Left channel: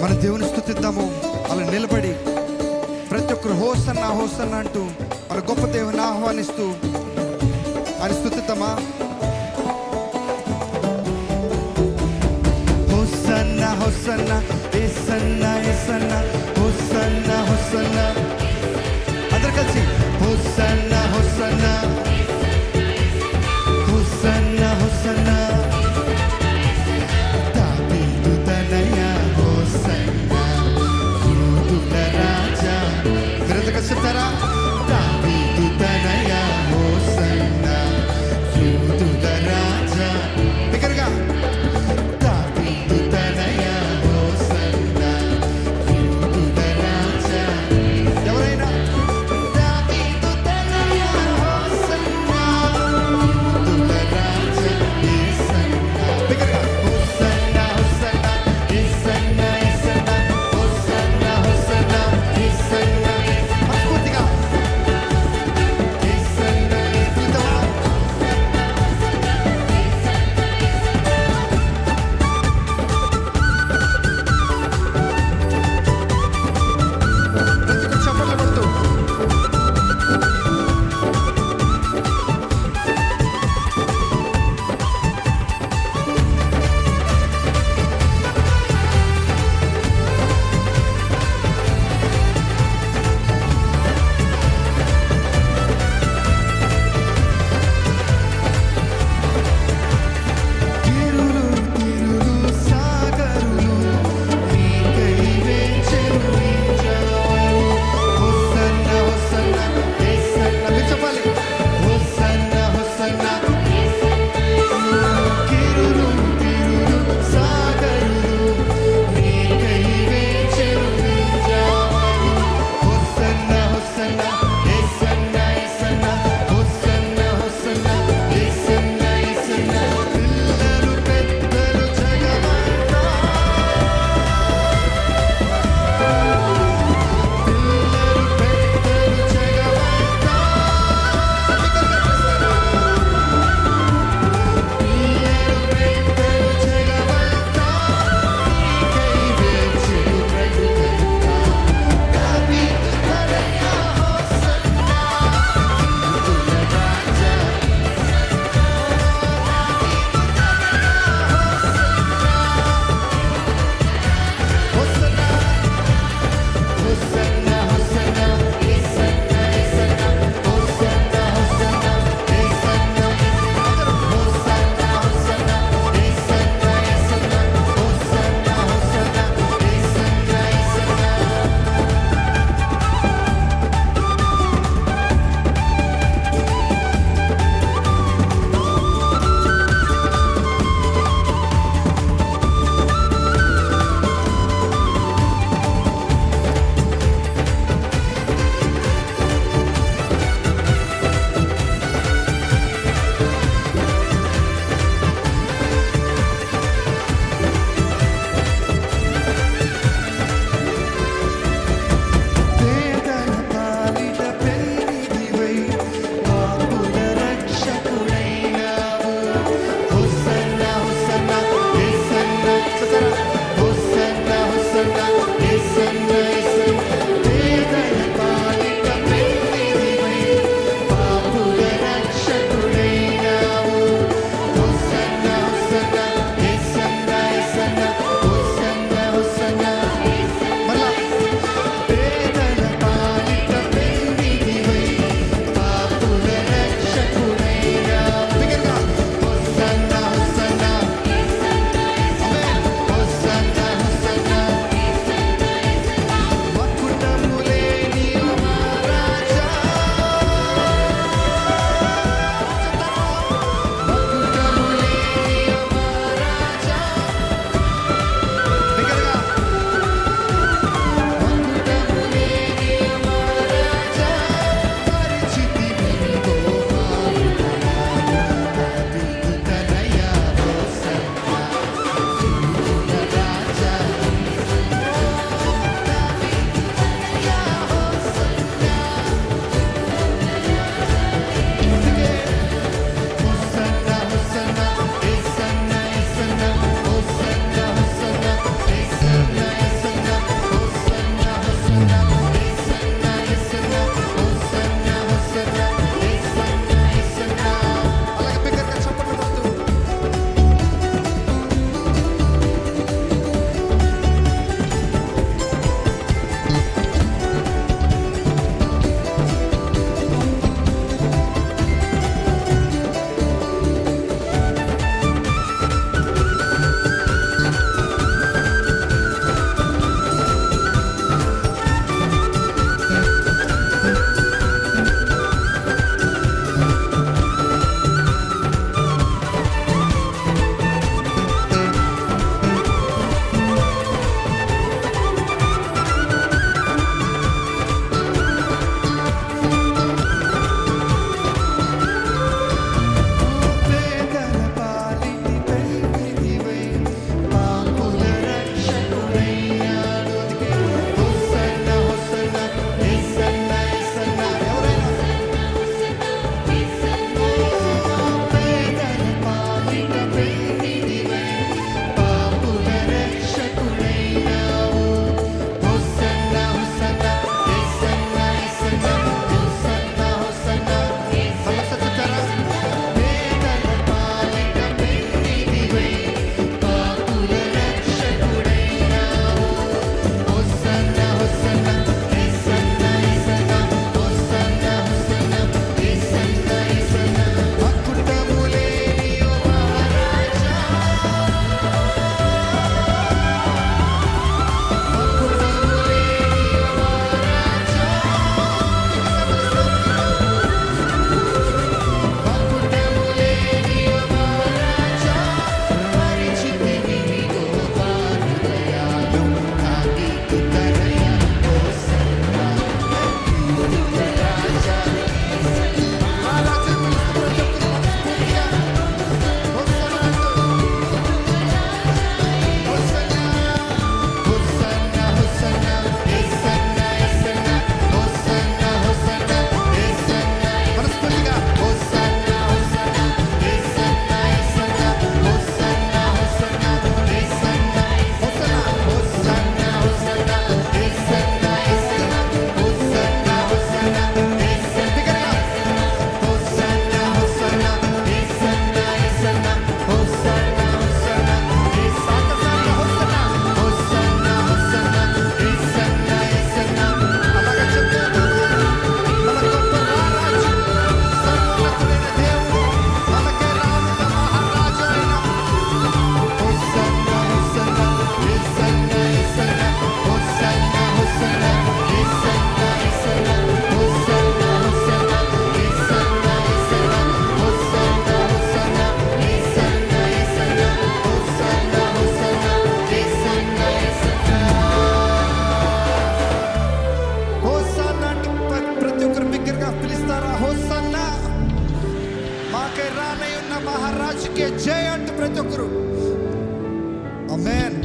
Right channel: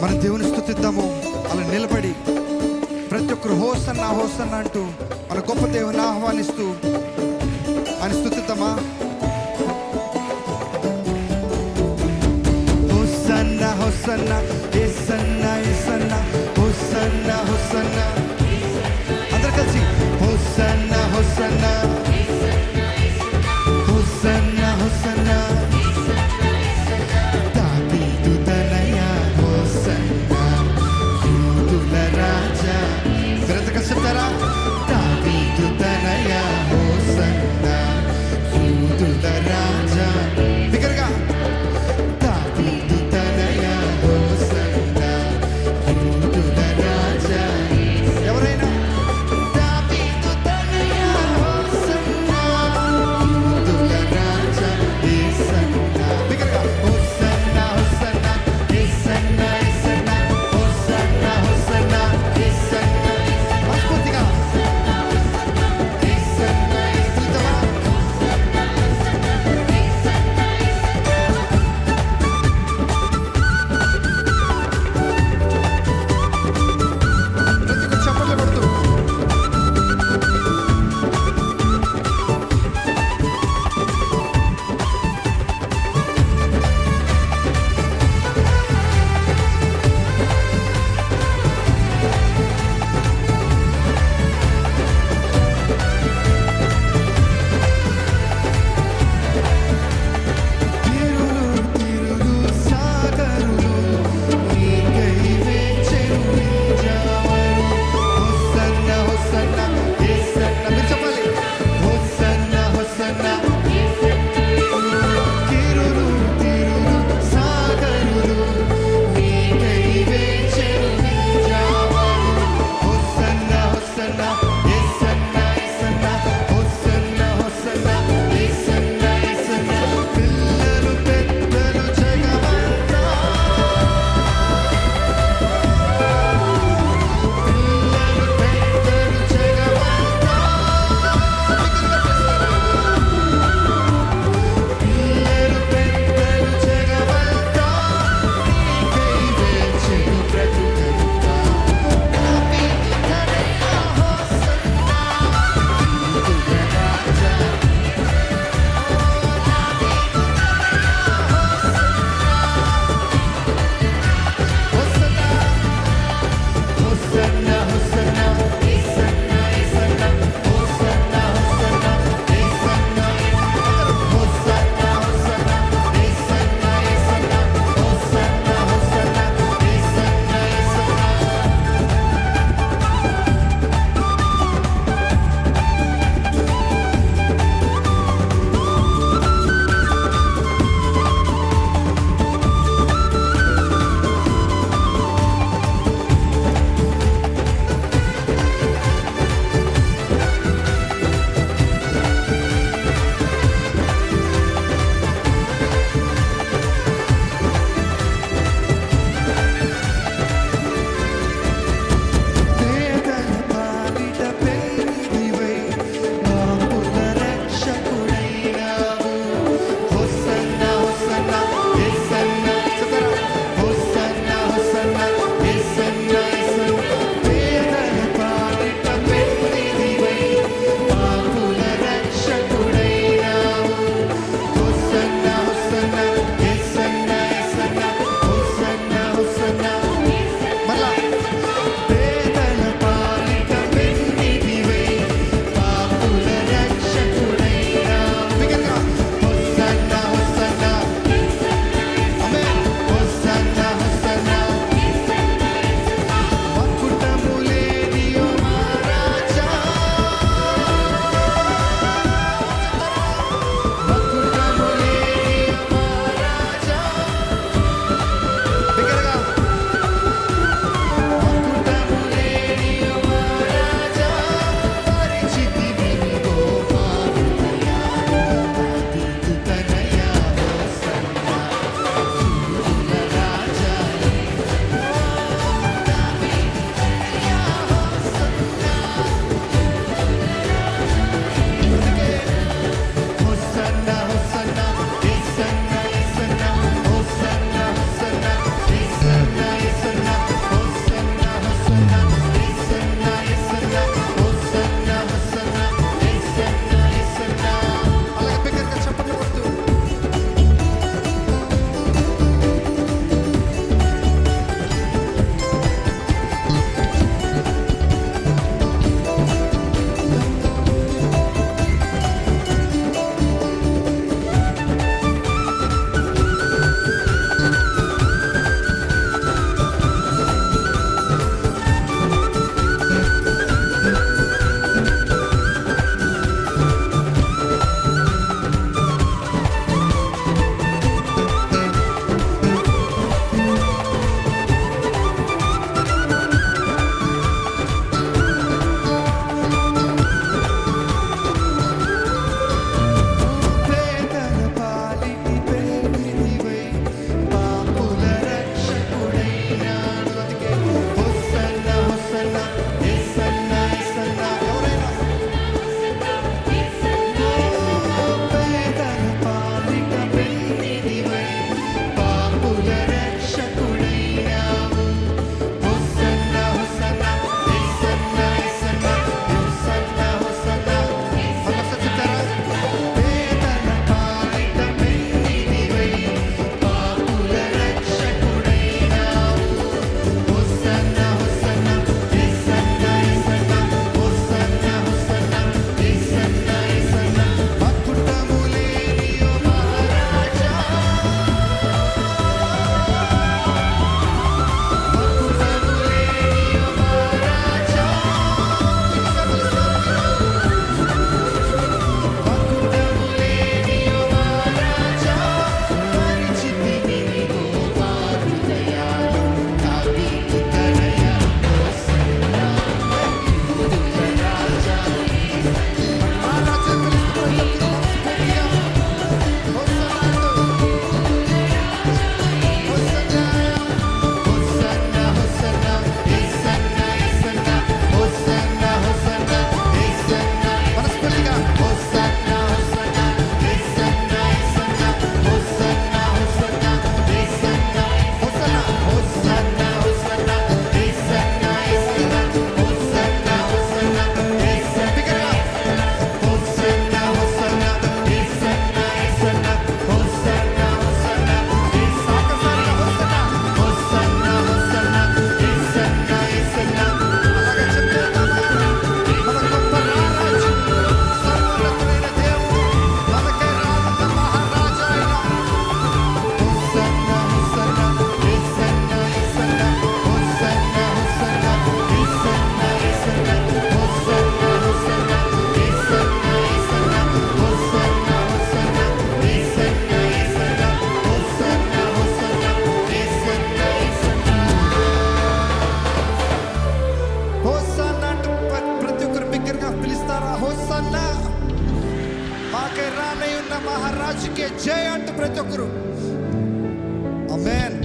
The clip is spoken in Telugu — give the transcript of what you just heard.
మన దేవుని స్తుతిద్దాము. అలా నిలబడి ప్రతి ఒక్కరు హోసన్నా హోసన్నా అంటూ మన గొప్ప దేవుని ఆహ్వానిస్తూ ఆయన స్తుతిద్దామా. హోసన్నా హోసన్నా యేసన్నా యేసన్నా హోసన్నా హోసన్నా. అందరు కలిసి హోసన్నా హోసన్నా హోసన్నా హోసన్నా. దావీదు తనయా హోసన్నా యూదుల రాజా. మీరంతా కలిసి చెప్తారా? దావీదు తనయా హోసన్నా యూదుల రాజా. బిగ్గరగా దావీదు తనయా హోసన్నా యూదుల రాజా. ఎవరైనా దావీదు తనయా హోసన్నా యూదుల రాజా యేసన్నా. బిగ్గరగా హోసన్నా హోసన్నా యేసన్నా యేసన్నా హోసన్నా హోసన్నా యేసన్నా. మనస్ఫూర్తిగా యేసన్నా స్తుతిద్దామా. ప్రతి ఒక్క చప్పట్లు కొడుతూ తిరులు తిరులు సాగరులు నీకై వేచెను ఈ జావరు. హోసన్నా హోసన్నా యేసన్నా. మీరు చెప్పాలి హోసన్నా హోసన్నా. తిరులు తిరులు సాగరులు నీకై వేచెను ఈ జావరు. హోసన్నా హోసన్నా యేసన్నా యేసన్నా హోసన్నా హోసన్నా యేసన్నా యేసన్నా. పిల్లలు పెద్దలు జగమంతా పిల్లలు పెద్దలు జగమంతా బిగ్గరగా పిలుస్తారా? పిల్లలు పెద్దలు జగమంతా నీకై వేచెను బ్రతుకంతా. దావీదు తనయా హోసన్నా యూదుల రాజా. దావీదు తనయా హోసన్నా హోసన్నా హోసన్నా యేసన్నా యేసన్నా హోసన్నా హోసన్నా యేసన్నా. అందరూ హోసన్నా హోసన్నా యేసన్నా యేసన్నా హోసన్నా హోసన్నా యేసన్నా యేసన్నా. పేదల పాలిట పెన్నిధివై పాపుల రక్షకుడైనావు. హోసన్నా హోసన్నా యేసన్నా. చెప్తారా? హోసన్నా హోసన్నా యేసన్నా యేసన్నా. పేదల పాలిట పెన్నిధివై పాపుల రక్షకుడైనావు. హోసన్నా హోసన్నా యేసన్నా యేసన్నా హోసన్నా హోసన్నా. మరలా పేదల పాలిట పెన్నిధివై పాపుల రక్షకుడైనావు. బిగ్గరగా హోసన్నా హోసన్నా. ఆమేన్. హోసన్నా హోసన్నా పిలుస్తారా? హోసన్నా, మాకే రానై ఉన్న మహారాజుకే జై అంటూ ప్రతి ఒక్కరు ఆమేన్.